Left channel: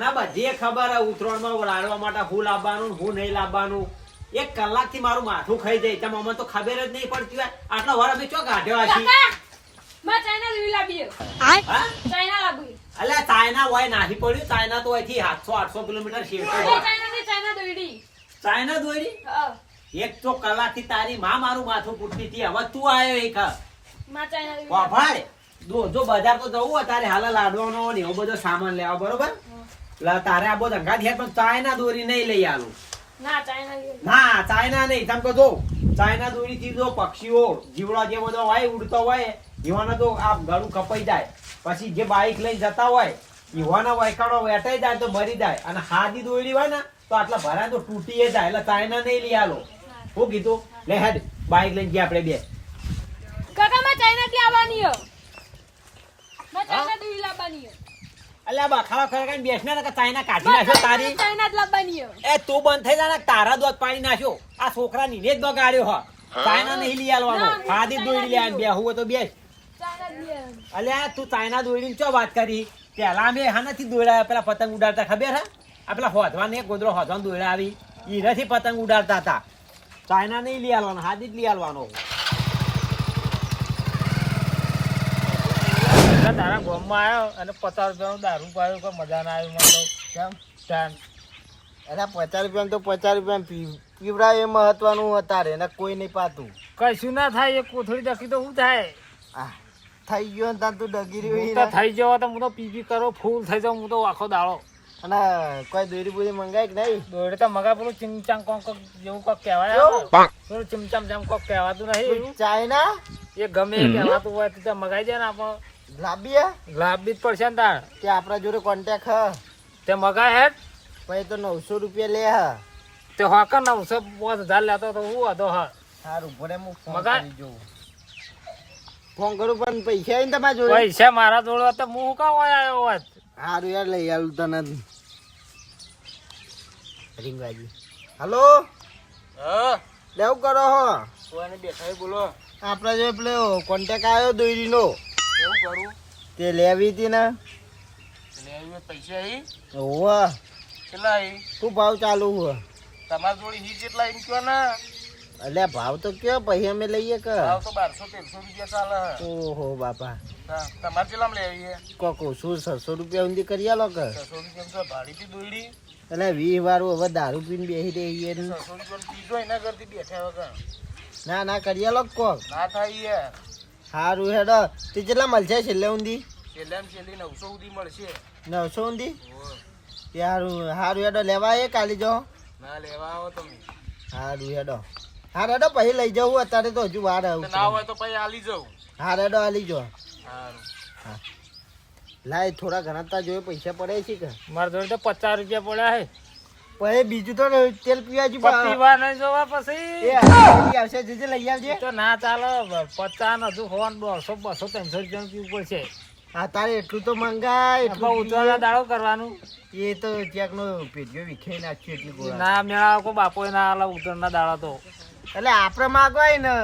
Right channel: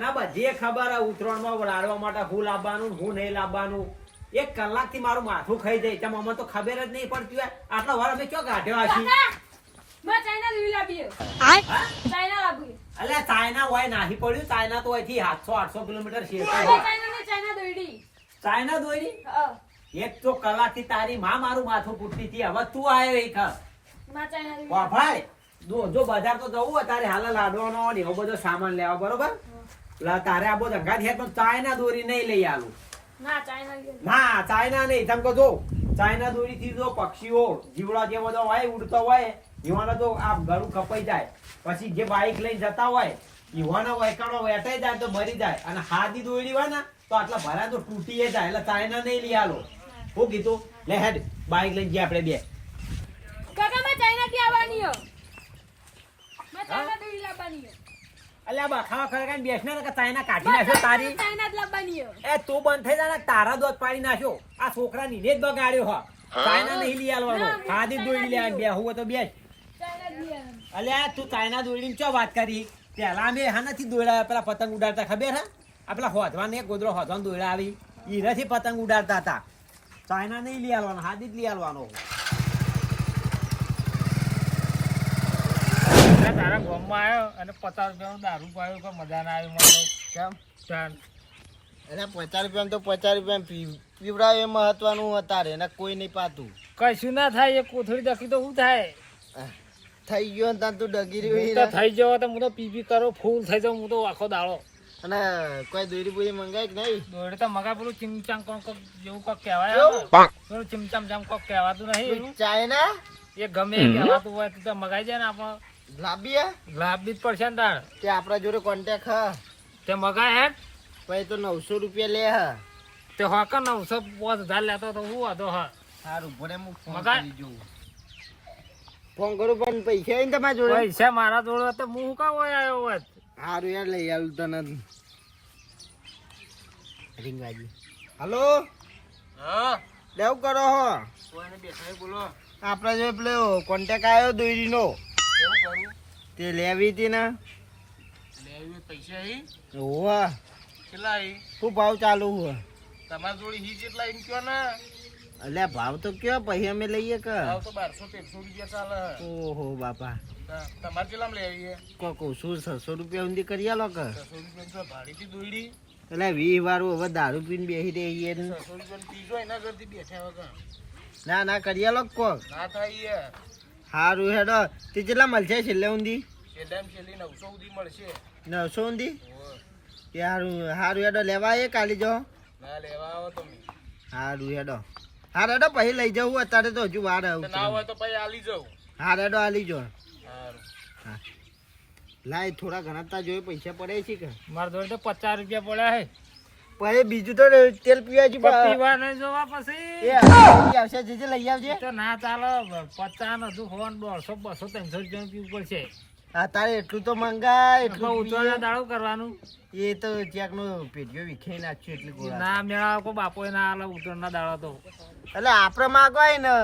મને બધી ખબર હે ઉતરાયણમાં લાડવા માટે હું લાવવાનું હું નહીં લાવવાનું. 1 કલાકથી મારું માથું ખાઈ જાય તમે અમને તો ખબર જ નહીં પડતી હોય. આટલો વાર અમે ચો કાઢ્યો હશી. માં ચાઇના દોરી લાવી હા ચાઇના લાવી અલ્યા ચાઇના હોય નાહી પડ્યું. ચાઇના તો અહીંથી 700-800 કિલોમીટર શેર ચાઇના ની ચાઇના દોરી ચાઇના દોરી 1 તો કલાકથી તારી માં મારું માથું પૂછતી હતી. હવે તું આવ્યો એક માં ચાઇના દોરી વાભાઈ જો બજાર તો જવું હોય તારે હાલ લાડવાનો ને એવો બધો સામાન લેવા બરોબર. તારે આ બધો ધંધા છે પણ ચાઇના દોરી નહીં લઈ આલું. ના ચાઇના દોરી ના ચાઇના નહીં. તમે તો જો ચાઇના દોરી થી જો પક્ષીઓ જીવડા જે બધો હોય ઉડતો હોય એવાને તો આ ગળું કપાઈ જાય. પછી જે બાઈક લઈને જતા હોય એવાના વૈકાણો વેટાઈ જાય તો મરી જાય. અને હાદી દોરી હોય ને તો આટલા ભરાય તો તૂટી જાય. એટલે ચાઇના નહીં લઈ આલો. હું કીધું લે હેડ બાઈક લઈને ગયા આપણે બે. કાકા માં ચાઇના થી આવવાની હો માં ચાઇના દોરી લાવવાની હો. અલ્યા બખાવા ખરેખર બેસને ને કે ચાઇના કાઢી નાખ્યો તારી. ચાઇના જ લાવવાની હો. એ તું બંધ થઈ જા ને તારા દોત પાડી નાખ્યો. આ છોકરા ની જ બગાડ્યો હ. ચાઇના નહીં લઈ આલવાનો. હાદી દોરી લઈ આવ બે હું તો બેસ. ચાઇના જ લેવાની. અલ્યા તું ચાઇના દોરીની ચો વાત કરી. પેલા અમે હાનાથી દોડાયા પેલા પતંગ ઉડાડતા ખબર હે. આ પેલા હોધવાને એક ગોદરો હોધવાને દોડા આવી ઈરાથી પતંગ ઉડાડતા હતા. ચાઇના નહીં લઈ આલવાનો હાદી જ લઈ આલવાનો. તારા ગામમાં આવ્યો અને 50 રૂપિયાનું દારૂ પાયો કોઈ મજા ના આવી મને કેમ સ્ટાન્ડ અરે 50 રૂપિયા તો 50 રૂપિયા પીવડાય એ મહત્વનું અત્યારે એને કોઈ નહીં પાતું. કશું ના થાય એ કોથળી દખી તો શું થાય થઈ ગયો ને ત્યાં તું ડગી હું રહ્યું તો થઈ જાવ તો હું તો પીપી કરો ફૂલ થઈ જાઉં હું તો આખો દાડો. અને કોઈ દોરી બોરી મંગાય કે નહીં? દોડે તો મગા પેલું ચીમચામ કોક જેવું કોક કહેવાય પેલું ચીમચામ જેમ કોક કહેવાતું નહીં ચાઇના એ ગમે એ કહેવાતું હોય તો મગાઈ જાય ને આપણે લાંબી લાભ બી જ પડશે ને તાર તે આપણા જોડે કોન્ટેક્ટ હ તે મગાય હેડ પછી તો 900 રૂપિયા લે હ. તે હોકર 950,000 લેતો તો હું હતો હા સારું ભલે હું ફોન મગાય? કરી જોઉં. ફોન કરું પણ પૈસા આવીને તમારા જોડે? પૈસા મારા જોડે તો હું કામ આવ્યો હોત. સારું યાર લઈ આવું તને રિંગ વાજી. હલો હા લેવું કરો હો કોઈને દેખાય બોલો આપણા જોડે પેલો કોન્ટેક્ટ આવ્યો દોરીનો કેવું કરું તે લેવી હતી ને. લેવી પૈસા અહીં હોવા કેટલા અહીં શું ભાવ ચાલુ હોય? તમારા જોડે હી કેટલા એમ કયો ને એટલે ભાવ તો કયો પછી અમે લઈએ કે? ભાવ તો 1200-1300 રૂપિયા ચાલે હે. ઓહો બાપા તમારે કેટલામાં લેવી હે? કોકો શું 600 રૂપિયા ઊંધી કરી આલો કે? 600 રૂપિયા ભાડીથી દોડી એટલે 20 વાળું હવે દારૂ પીને બેસી રહીએ ને. 600 રૂપિયા પીજો એના કરતી બેઠા વગર ના ના કરી આલો કોક. ના થાય હે. સારું હેડો તે કેટલા મળશે છેલ્લે ઊંધી? છેલ્લે છેલ્લી 900 સુધી મળશે. 900 ઊંધી? સારું સારું હેડો લેવા એ કાલી જો. ના લેવા આવો તમે. સારું હેડો હેડો પછી લઈ જવું અત્યારે તો હજુ વાર આવું ના હોય તો પછી આલી જાઉં. હેડો આલી જો. સારું હા લાય થોડા ઘણા તા જોઈએ પૈસા પડે છે કે? મારા જોડે તો 50 રૂપિયા પડ્યા હે. પછી બીજું તો તેલ પીવા જ પીવા નહીં જોવા પછી આવશે જે લઈ આવજે. તો ના ચાલે 50 હજુ ફોન 100 200 300 રૂપિયા પીવું પડશે. હા તારે એટલું તો મંગાય એટલું ઉતરવા દાડો કરવાનું એ તો ક્યાંક નો પેટીઓ વિખે નાખ્યું એટલી ગોળા. ના મેળા કોઈ બાપો ના હાલ ઉતરના દાડા તો એટલે આપણે માગવાય ને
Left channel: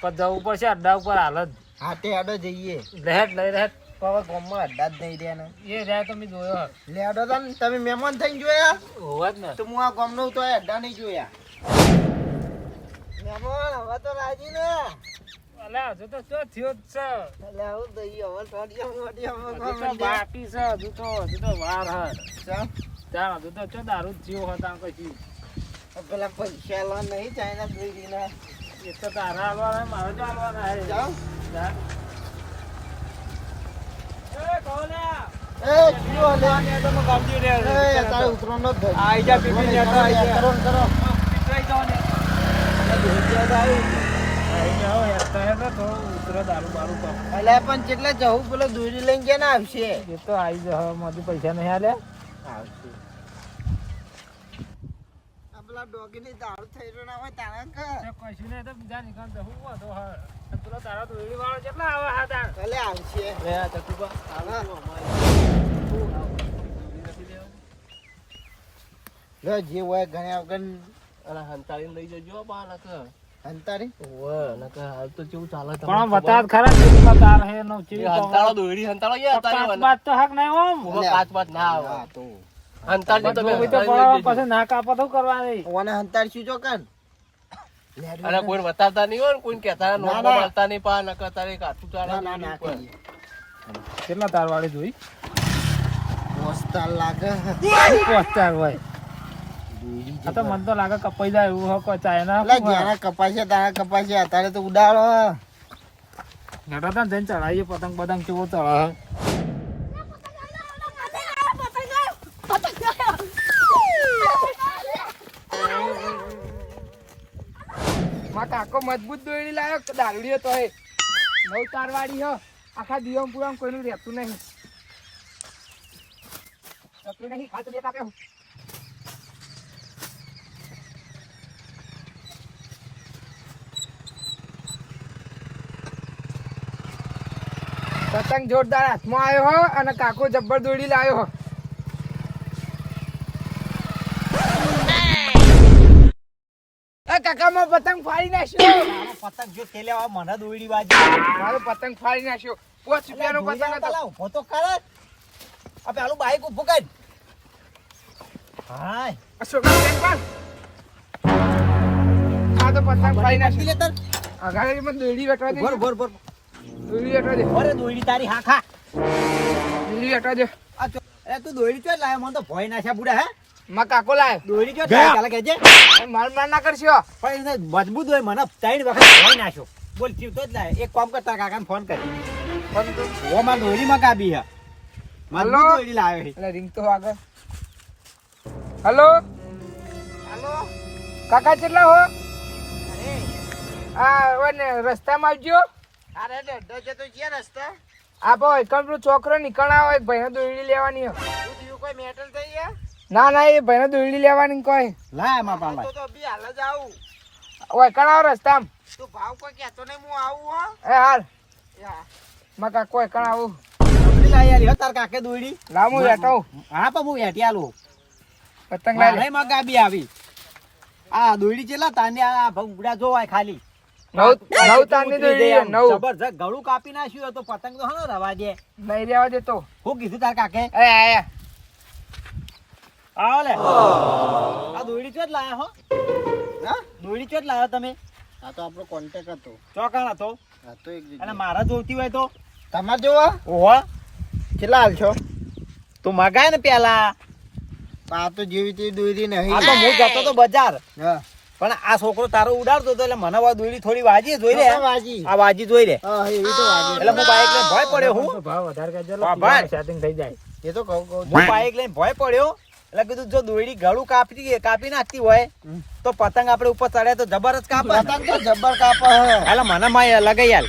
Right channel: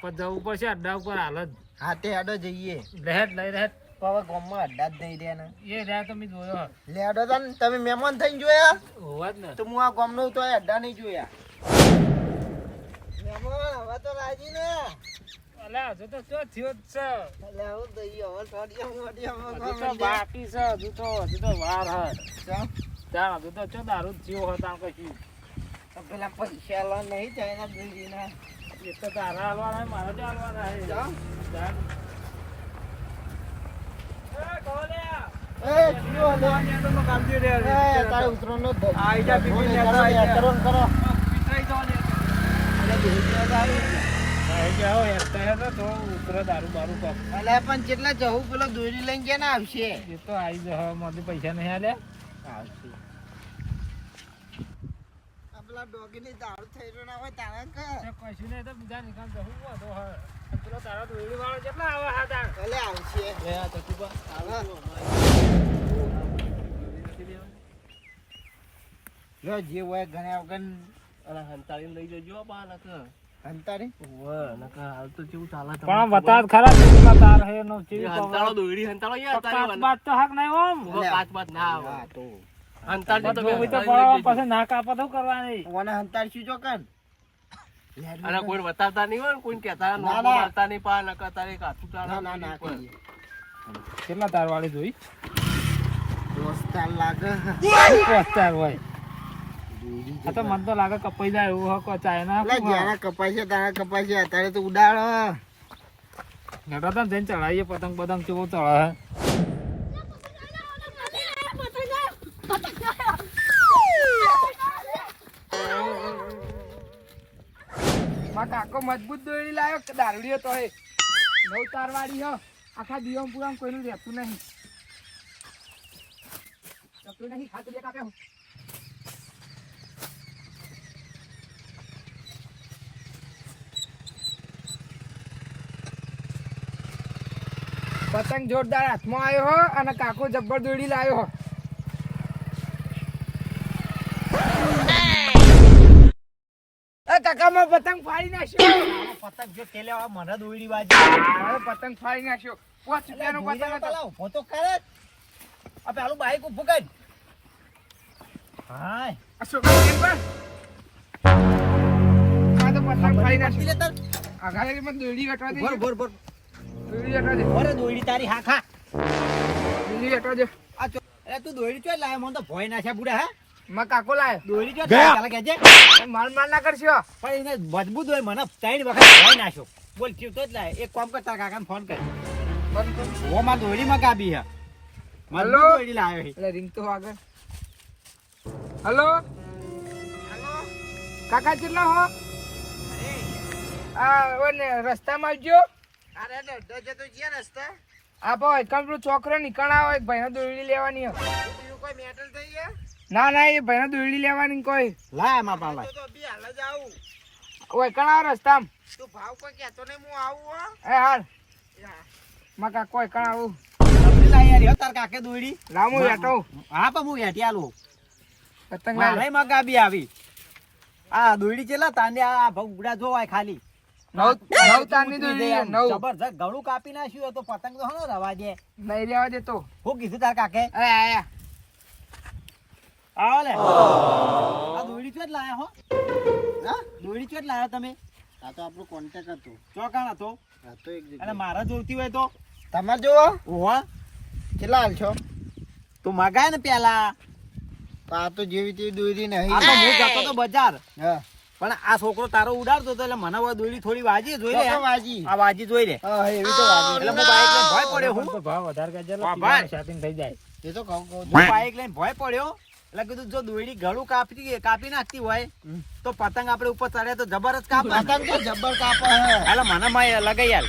પણ જવું પડશે અડ્ડા ઉપર હાલ જ. હા તે હેડો જઈએ. રહેટ લઈ રહેટ હવે ગામમાં અડ્ડા જ નહીં રહ્યા ને એ રહ્યા તમે જોયો લે હેડો તા ને તમે મહેમાન થઈને જોયા હોવા જ ને. તો હું આ ગામનો તો અડ્ડા નહીં જોયા. મહેમાન હવે તો રાજી ને અલ્યા હજુ તો શું થયો જ છે એટલે આવું તો ઈ હવે થોડી હજુ તો બાકી છે હજુ તો વાર હે ચાલ હજુ તો ચો દારૂ જ થયો હતા કશું પેલા પૈસા લો નહીં ચાઇના દોરીના એ તો તારા હાલવાના મારે જ હાલવાના હે. જાઓ. ચાલ. એ કોલ્યા એ કયો લે તમે કામજી રે એ તારે ઉતરવાનો જ ધજ. આઈ જા પીપી જા, કરો, આઈ જા. કરો ને કરો. પીટરાઈ જાવ ને એટલે બેસી ગયા તો આવી. આઈ જાઓ હેરતા હેરતા થોડું ઉતરે દારૂ બારૂ પાપ એટલે પણ જેટલે જવું પેલો દોરી લઈને ગયા ને આવશે એ તો આઈ જા મારી પૈસા નહીં આલ્યા આવશે. આ પેલા ડોગીની દારૂ થઈ રહ્યો ના હોય તારા કે તો કશું નહીં તો બીજા નિકાલ જવું હતો હે પેલો તારા દોડી વાળો કેટલા આવે હા તાર એટલે આવશે. લે જે હોય ઘણા વગર હંતાળી લઈ જજો બા નક હંતારી પણ બતા ખરા કેટલા તાર હે નો ચીવી હંતાળો દોડી હંતાળો યાર તારે કાચ બાત તો હક નહીં ઓમ એટલે કાચ બાચ ના આવે હા તો પણ જોવી તો પડે, પછી ના કાપો તો કરવાની. ઓને હંતાડશું જો કર અને કોઈ બતાવતા નહીં હોય ને, કોઈ કહેતા ના, નોખો ના. મારતા નહીં, પા નકર તારે કાઠું ચાલે. ના ના કહીએ કેટલા તાર વાળી જોઈ? પોસ્તા લાગે પોસ્ટર હોય. આ તો મને તો લાગે કપાઈ જાય એવું હકો ચાઇના એટલે જ્યાં કપાશે તારે કપાશે અત્યારે તો ઉડાડ નડતા ને જઈને ચડાવીએ પતંગ પતંગ કેવો ચડે. માં કાકો મજબૂત દોરી લાયો દારૂડીઓ તો હે નવ તાર વાળી હો આખા દિવમ પુરામ કોઈનું રહેતું નહીં ખાતું દેતા કેમ પતંગ જોરદાર હાથમાં આવ્યો હો અને કાકો જબ્બર દોડી લાવ્યો હો. એ કાકા માં પતંગ ફાડી નાખ્યો. પતંગ જો કે લેવા મને દોયડી વાજી. મારો પતંગ ફાડી નાખ્યો. 5 રૂપિયાનો પતંગ હતો. હું તો કરે આ પેલું બાઈક ઉભું કર. હાય અશોક પણ આ તો પતંગ ફાડી નાખ્યો. અગાડી મને દોડી વેટવા દે. બોર બોર બોર દોડી વેટવા દે. ઓરે દોયડી તારી હા ખા. દોડી વેટવા દે. આ તો અરે તું દોયડી ચોય લાયો મને તો ભય નાખ્યા બુડા હે. માં કાકો લાય દોયડી ચોય ચાલે કેજે. માર માર ના કરશો. પણ એને મજબૂત હોય મને 3 વખત ભય નાખ્યો. બોલ થયું તો જ લાય. એક કામ કરતા કાકાને ફોન કરી. ઓ માર દોયડી માં કાબી હે. હલો? મજબૂત દોયડી લાવ્યો છે. એટલે રિંગ તો આગળ. હેલો હાલો કાકા કેટલા હો? આ ઓને રસ્તામાં આવજો. અરે ડો જતો છે રસ્તા. આ ભાઈ કમ્પ્યુટર છોકરો નીકળ્યા હોય ભાઈને દોડી લેવાની હો. બીજું કોઈ મેટર થઈ ગયા? ના ના એ ભાઈને દોડી લેવાની કોઈ લાય માં પાલા. તો બી હાલ જ આવું. ઓય કણાવ રસ્તામાં. તું ભાવ કોઈ કહેતો નહીં, હું આવું હો. એ હાલ માં કાકો ઓય કણાવ સમજી લાય યાર તાર કાકે દોયડી. લામુ હેઠો હા પણ હું હેઠી આલું. પતંગ લાય મારે માં ગાબી આવી. આ દોયડી ચેલા તાને આ ભંગડા જોવાય ખાલી. નવ તારની દોડી છે, નવ જબરજસ્ત ગળું કાપી નાખ્યું તો પતંગ તો હનો રવા દે. નહીં રહેવા દેતો. હું કીધું તાર કાકે? એ આયા આવો લે. આ દોયડી ચોટ લાયા હો? હા દોયડી ચોટ લાયા તમે? આ તો આપણો કોન્ટેક્ટ હતો ચોકાણ હતો. આ તો એક અને જગ્યાએ મારા જોઈતી હોય તો? તમારે જોવા ઓહો કેટલા હાલ છો? તું મગાય ને પેલા. આ તો જેવી તેવી દોરી આ નહીં. તો હું જતો તો બજાર. હા પણ આ છોકરો તારો ઉડાડતો હતો એટલે મને આ દોયડી થોડી વાજી જોઈ લે. તો વાજી. આ વાજી જોઈ લે. હા એવી તો વાજી. એટલે હું બાઈક લઈને ભય પડ્યો. પણ હું તો ભાવ વધારે કરજે એટલે હા, પીવાનું ભાઈ. સેટિંગ થઈ જાય. એ તો કહું હું બાઈક લઈને ભય પડ્યો એટલે કીધું જો દોયડી ગળું કાપી નાખતી હોય તો પતંગ આપણે ઉપર ચડે તો જબરજસ્ત કાપ. પતંગ તો જબ્બર કાપે હે. એટલે મને માં લગાઈ આલ.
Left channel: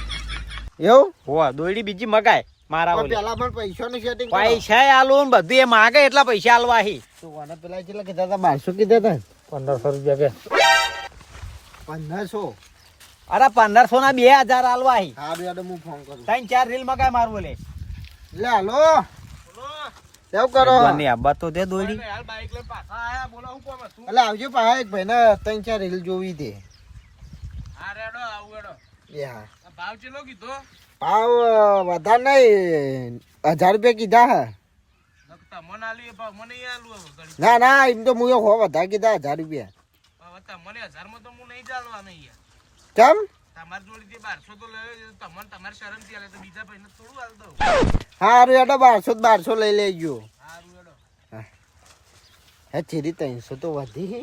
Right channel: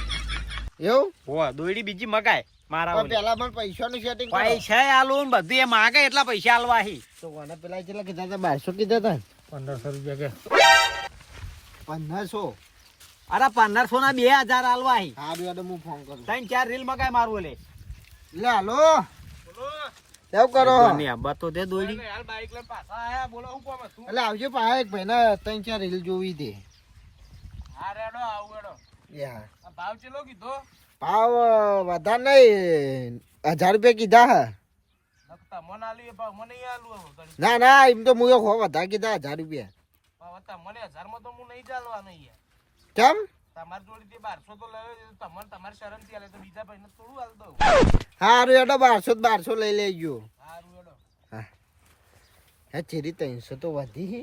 એવું હો દોયડી બીજી મગાય મારા પણ ઓલી. પેલા પણ પૈસાનું સેટિંગ કરો. પૈસા આલો ને બધું એ માગે એટલા પૈસા આલવા હી. તો મને પેલા કેટલા કીધા હતા? 1200 કીધા હતા 1500 રૂપિયા કે 1500. અરે 1500 ના 2000 આલવા હી. હા બેડો હું ફોન કરું. 3-4 રીલ મગાય મારું લે. લે હાલો કેવું કરો? બની આ બતો દે દોયડી. હાલ બાઈક લઈને પાછા આયા, બોલો હું કોમ હતું. એટલે આવજો પાછા એક ભાઈને 3-4 રીલ જોવી દે. હા રેડો આવું રેડો. યા આ ભાવ ચેલો કીધો? ભાવ વધારે નહીં 1000 રૂપિયા કીધા હે. નકતા મને આલી ભાવ મને ઈ આલું હવે ઘડી. ના ના એમ તો હું હો વધારે કીધા 1000 રૂપિયા. ભાવ હતા મને 1000 માં તો હું નહીં ચાલવાનો યાર. કેમ? તમાર જોડી જે 1200 તો લયો તમને તમારી શરમ થી આલે તો બીજા ભાઈને થોડું આલ દઉં. હારું એડો 1200 લઈ લેજો. હારું રેડો. હે ચીરી 300 તો વધી હે.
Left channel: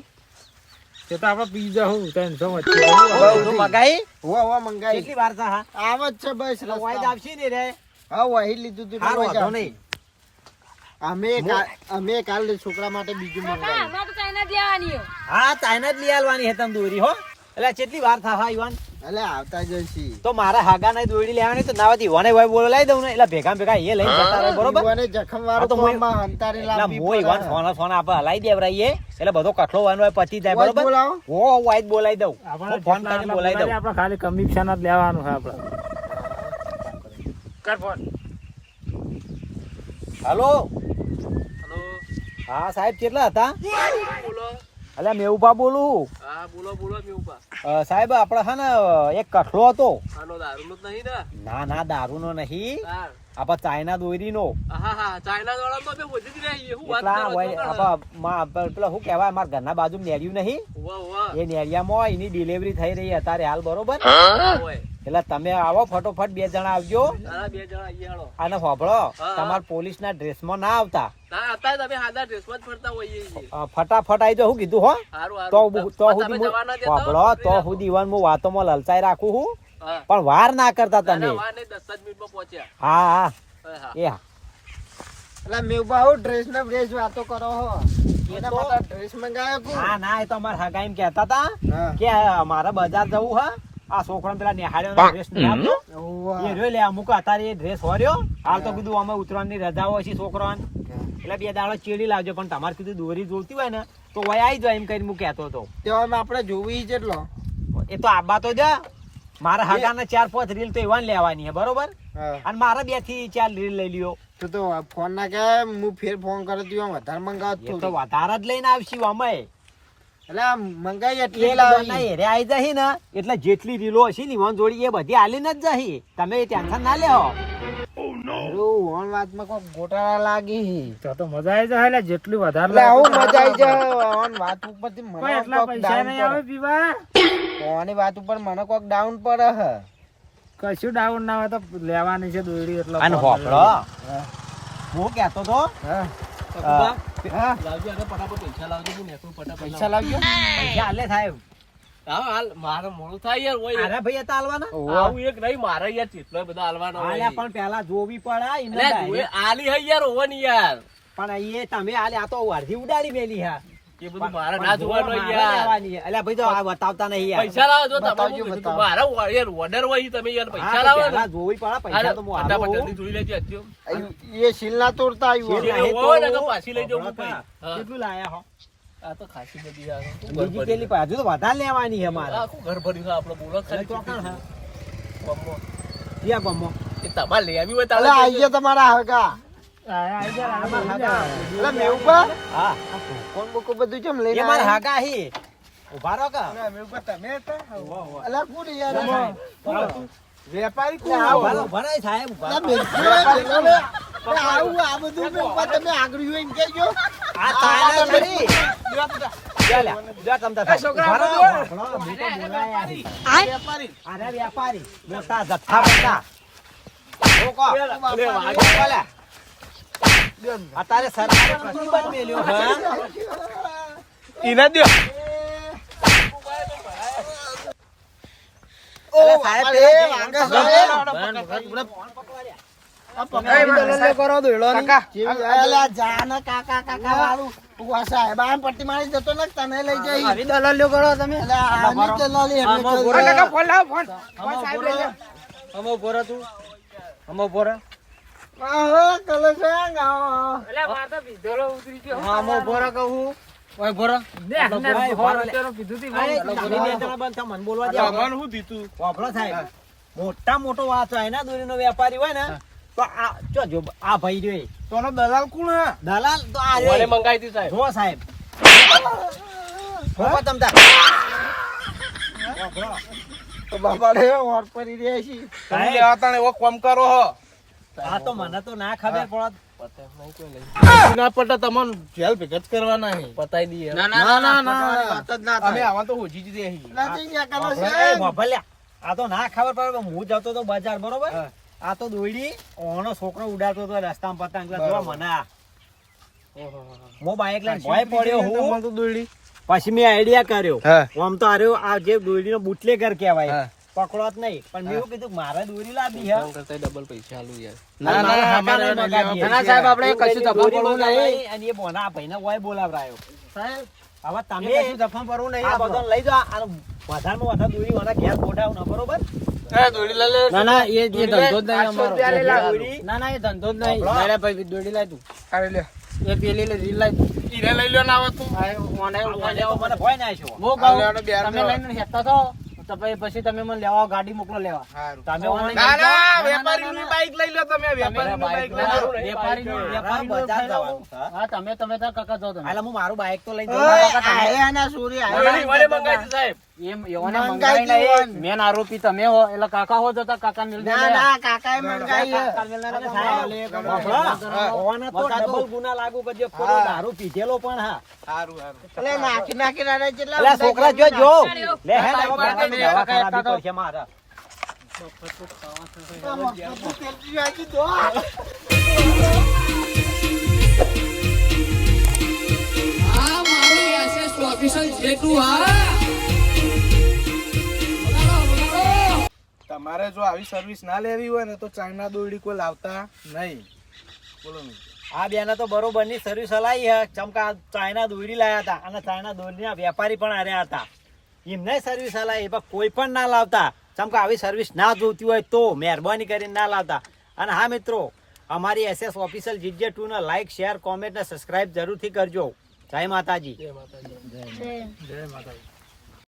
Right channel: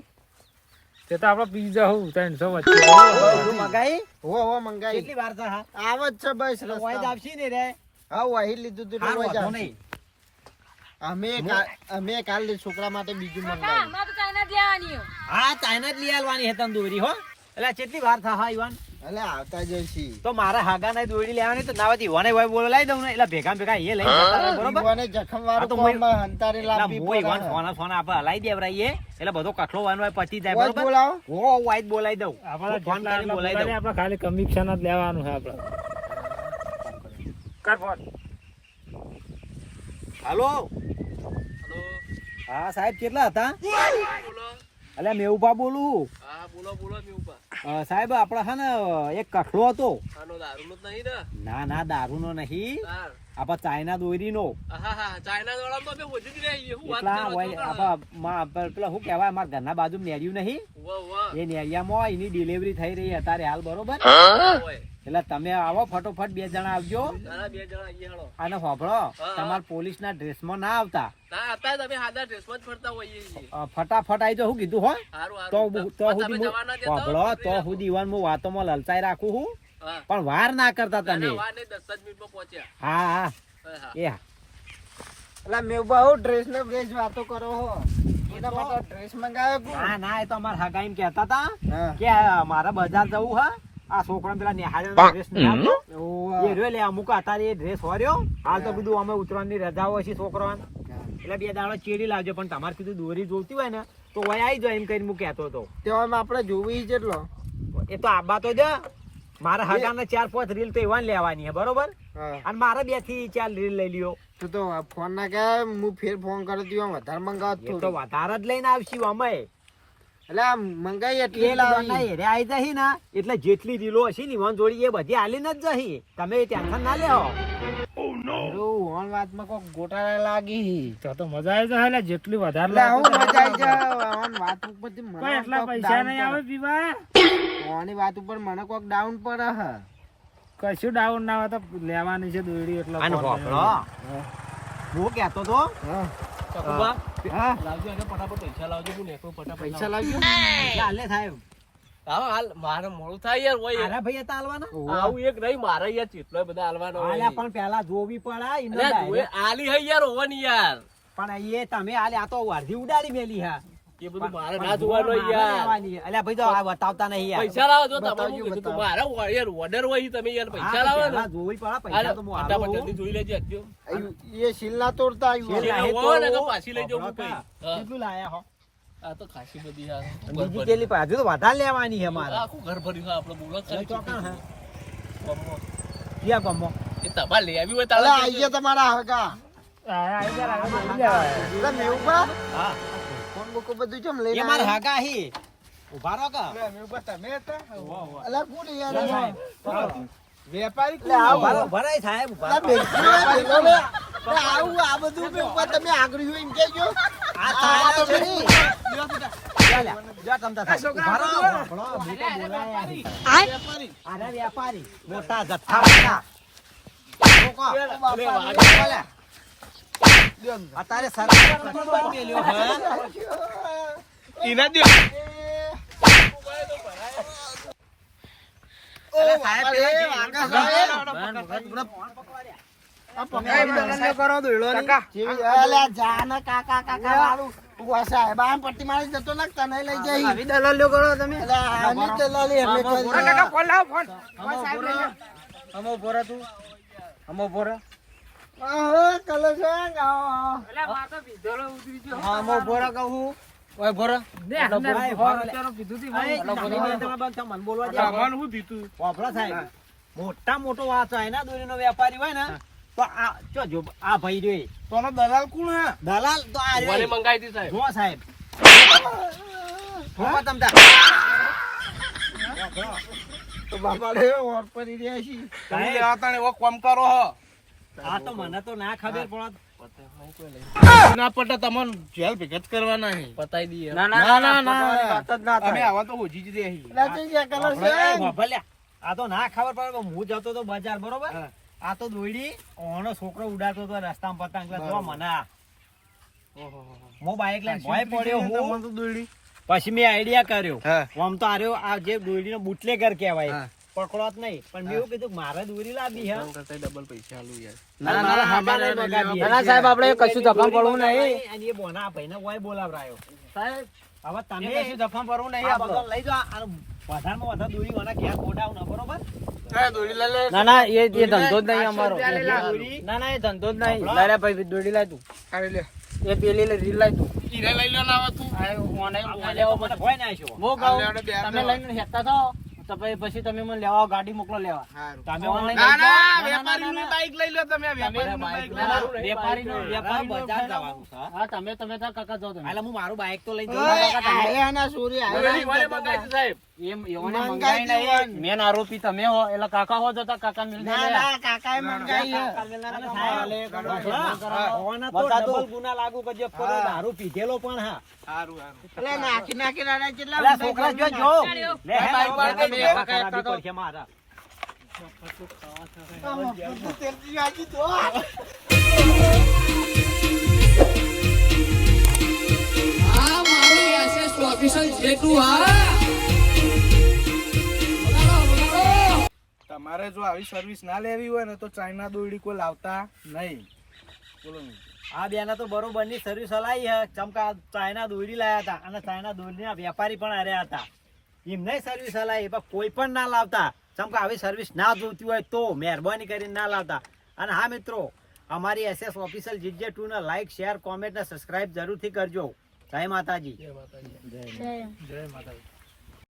તે તો આપણે પીઝા હું 300 વચ્ચે મગાઈ હો મંગાઈ. કેટલી વાર થા હા? આવ જ છે બસ એટલે રસ્તા. વાઈદ આવશે ને રે. હા વહી લીધું તું હારું વાંધો નહીં. અમે કાલ છોકરા માટે બીજું મંગાવ્યું. અમારે તો ચાઇના જ લેવાની હો. હા ચાઇના જ લઈ આલવાની હે તને દોરી હો. એટલે કેટલી વાર થા હા યુવાન? એટલે આવતા જ છે. તો મારા હાગા નહીં દોડી લેવાની તો નાવાથી વને વાય બોલાવી દઉં ને એટલે ભેગા ભેગા એ લઈ જતા રહે, બરોબર? ઈવોને જખમ વાળું હા તો હું- કોમમાં હંતારે લાંબી હું ઈવાન પડે. ફોન આપણે હલાઈ દેવરાઈએ એટલે બધો કઠલો વાનો હોય પતી જાય, વોઇસ બરોબર? બોલાવો. હો વાઈદ બોલાવી દઉં. આપણે હું ફોન જેટલા કરીને એટલા બોલાવી દઉં. બોલાવીએ, આપણે ખાલી કમિશન જ લેવાનું છે આપણે. કર ફોન. હાલો હેલો. હા સાહેબ કેટલા હતા? બોલો. અલ્યા મેવુભા બોલું. હા બોલો બોલો મેઉપા. સાહેબ આપણે હે ને એક કઠલો હતો. આનો દારૂનો જ નહીં ને? ના ના દારૂનો નહીં. હા. આપા ચાઇના દોરીનો હા હા ચાઇના વાળા તો અમે વધી જ રહ્યા હું વાત એટલા કરો હોય આપા પેલા શું કહેવાય અમારા ઘરના બાજુ નેરિયું નહીં વાહ એ નેરિયામાં એની ડિલિવરી થઈ રહી અત્યારે હાલ બરોબર હોય એટલે તમે આવો ફટોફટ 2 જણા આવજો તારા 2 જણા અહીંયા હાલો અને હોભળો હા. તમારા પોલીસના ડ્રેસમાં ના આવતા ના અત્યારે તમે હાદા ડ્રેસમાં જ ફરતા હોઈએ છીએ ફટાફટ આવી જાઓ હું કીધું હો હારું તો હારું તો તમે સુધી જવાના દેતા હોભળો હો, તો તો સુધી ઈવન હું વાતોમાં લલચાઈ રાખું હું હા પણ વાર ના કરતા તમે ના, વાર નહીં, 10 જ મિનિટમાં પહોંચ્યા હા હા હા હા એ હા. એટલે મેઘબા ડ્રેસ ને ડ્રેસ વાતો કરો હો એના તો- માટે ડ્રેસ મંગાવ્યો કુ ના ના એ તો અમારા હગા એમ કહેતા હતા હા કે મારે બજાર જવું હા આ છોકરા પેલા નિહાળ્યો ડ્રેસ એ રહ્યો લે અમુક અત્યારે એ ડ્રેસ હોર્યો હાલ તો કીધું અમે ઉત્તરાયણની રજાઓ છે છોકરાને એટલે 2 દાડો ચેડી લાવજો પણ તમારે કીધું દોરી જોઈતી હોય ને તો વય આવી જાય એમ કરીને હું કહેતો હતો તેવામાં આપણે જોવી જેટલો એ તો આબા તો દે મારા હગાને 4-5 રીલ તો એવા ને લેવાની છે બરોબર હા અને મારે 2 થી 4 રીલ લઈ લ્યો તો ફોન ના કે હું ફેર ફોન કર્યો તું વધારે મંગાવત એ તો થોડી વધારે જ લઈને આવશું અમે એટલે આ મંગાઈ એટલી એટલે લાવી હેરે આવી જહી ને એટલે જેટલી રીલો હશે ને ઈવન જોડી એ બધી આલીને જ જહી તમે ટેન્શન ના લેવો ઓન વાતમાં કોઈ ગોટાળા લાગી તો મજા આવી જાય એટલે જેટલું વધારે એટલે આવું લાગે મજા આવી જાય ઓન વાત ઉપરથી મને પણ એટલા કોક પૈસા down નહીં આવે પડે. પીવા ઓની વાત ઉપર મને કોક ડાઉન પડે હ કશું ડાઉન ના હોય તો લેવાની છે દોરડી એટલે અને ફોન હોફળો કર્યો. હું કહેતો તો હા હા લાવજો અને ફટાફટ પૈસા લાવજો હું નેકળું ફટાફટ પૈસા લાવજો પૈસા હાલે સાહેબ હા હાલ મારે મોડું થાય યાર હોય આરા ભાઈ હતા હાલવાના આવું એક નહીં મારે યાર કેટલો બધા હાલવાનો હોય હાલ્યા પણ પેલા જોવી પડે ઈને અલ્યા, direct. જોએ આલી હે યાર હોવાની યાર પણ એ તમે હાલે આ તો અડધી ઉડાડી મેલી હા એ બધું મારે પણ ના જોવાનું મારે યાર લેવાની છે. અલ્યા ભાઈ તો આ બતાવતા નહીં યાર પૈસા લાવો જો તમારે બતાવજો, હું કીધું બતાવો. મારા યાર ઓર્ડર હોય તમે યાર હા, પૈસા તો લાવો ને પહેલા જોવી પડે પૈસા તો હું ફટાફટ આલું. જલ્દી જોઈ લેજે અત્યો એ શીલ ના તોડતા આવ્યું શીલ એ ના- હોય ને તો પાછી લઈ જાઉં હું હા. પૈ. હા. કેટલું લાયા હો આ તો ખાસી બધી યાર શું બીજી ઘર પેલી ભર્યું? હજુ તો વધારે લેવાની છે મારે આખું ઘર ભર્યું છે આપણે બોલો અરે ખાલી ચોકણ હે. ગામમાં. ક્યાં ગામમાં? એ તમારે લઈ આવી હોય અલે તારે આઈ ગયા તમારા હગા આવી જાય, આવી જાય. એટલે મેઘબા હા ફોન બુકો બધું કેમ લઈને એ મારે આયા? હાગા હી ઉભા રહો કે મેઘબા તમે હતા અલા કોણ યાર ના, સાહેબ. વેપારી કોણ ઉભા આવો? રહો, ઉભા રહો, સાહેબ ઉભા અલા રહો. મેઘબા, આવું આ બધું મેઘબા તમે આગળ જોઈને કહેજો. આ તો આયા તો ખરી. ચાલે, જા તમતા સાહેબ. ઉભા રહો, આપણો બીજો બોલાયા છે. વેપારી અરે વ્યાપારી મોટા જથ્થા લોકો. અરે વાહ. બોલે. અત્યારે સરકાર બંધ મેલ્યો હે. ઈના દે ઓ બાપા રે, વાંગા સાહેબ. આ પકડી દલાલીઓ કરો દોડવાની. જેવી અલા જા ને કાકા કાકા વાળું. ઉભા સાહેબ આમ પટ્ટી મારી જતો ને તને લઈ જાય. આવી દલાલીઓ કરો તમે. અલા આની દલાલી અમે કરી. ફોન લાવો ફોન સાહેબ લઈ જા. આહો, કલેશંગ, આહો. ને, ને, ભાઈ, ફોન ફોન લે. અત્યારે કીધું તું, અરે, મને. ઘણી બે જણા બંધ થા, મને બોલવા દે. વાપરો સાહેબ. મોટા મોટો વાંચો એના દોરીનો વેપારી હોય ને તો આ જો આ ભાઈ જોઈ તોનો દલાલ કોણ હે? દલાલ તો આ મને રે. મંગાઈ હતી સાહેબ જો સાહેબ ફોપા તમતા. તો બાપા રે ઓર પડી રહ્યા છે. સાહેબ, આ તો મને તો ના ખબર પડત. ના પટા તમને જેલ ભેગત કરવાના હે. પતાઈ દઈએ ના વાત જ ના અમે આવા તો હોજી જ દે એ ભભલ્યા, આ તો ના ખબર પડે કે હું જતો તો બજાર બરોબર આ તો દોડી ઓનો છોકરો ઉડાડતો તો રસ્તામાં પતંગ એટલે જો મને આ. હું બાઈક લઈને ભોંય પડ્યો હું પછી મેં આઈડિયા કર્યો આમ તો આર્યો આ જે દોરીનો બુટલેગર કહેવાય પકડો જ નહીં પણ મેં એવું કીધું કે મારે દોરી લાવી હે કરતા ડબલ પૈસા આલું યાર અને મારા હાકા નહીં મગાવી હે. ના, સાહેબ, આપણે કશું ધફા પડવું નહીં. અને એ બોના ભાઈને ઓય બોલાવરાયો સાહેબ હવે તમે એ કશું દફા પડવું નહીં આ આપણો. બધો લઈ જાઓ અને વધારમાં વધારે દોરી વાળા ઘેર ગોડાઉન હે, બરોબર ના ના એ ધંધો જ નહીં અમારો દોરી ના ના એ ધંધો જ નહીં આપણો? લાલે ભાઈ દોડી લાય તું કાઢી લે. એ પેલી રીલ લાય તું લઈ લ્યો ના આવતું મને ભોય ના આવ્યો. હું કહું તમે લઈને હેતા થો તો પછી તમે મને લેવા ગાડી મોકલો લેવા તમે online ના લઈ જાઓ. ના વેપારીની બાઈક લઈ લ્યો તમે વેપારીની બાઈક ના, ના, લઈ વેપારીનું મારા બજાર જવાનું છે. હા તમે તાર કાકા જાઓ તમે હાલે હું મારું બાઈક તો લઈને ઓય, જઉં. આયા ના સોરી આયા. લો મને મંગાઈ હતી સાહેબ એમ એઓને મંગાઈ મંગાઈ દીધું. નહીં. મેન આરોપી તમે હો એટલે કાકા હો જતા કાકા મિલ ના ના કાકાએ મંગાઈ છે. અરે સાહેબ, હોવાના તો ડબલ ગુના લાગુ કરજો. પેલો દારૂ પીધેલો પણ હા. સારું સારું એટલે નાખી અરે કેટલા અલા ઊંધા છોકરા જમીન જો નાખ્યા. લે હે, bike bike bike bike bike ખરાબી પડશે મારા. આ મફતનું તેલ પીવાથી તો. આ મારું એસએસ ઓફિસર જેટલું હા તમારે જો આવી સર્વિસ ના લેવી હોય ને તો ચાઇના દોરડી કોઈ લાવતા નહીં. બોલો નહીં. આ બેના તો બરોબર ની સર્વિસ હલાવી હે. ચમકા ચાઇના દોરી લાયા હતા અને ચાઇના દોરીના વેપારી પણ આર્યા હતા. એમને સર્વિસ હલાવી પણ કોઈ પણ ના લાવતા. ચમકા આવી સર્વિસ ના જોતી હોય તો મહેરબાની કરીને ના લાવતા. અને હા મિત્રો, અમારી SS ઓફિશિયલ GJ2 ને લાઈક શેર કોમેન્ટ ને સબસ્ક્રાઇબ જરૂરથી કરજો. જય માતાજી. જય માતાજી.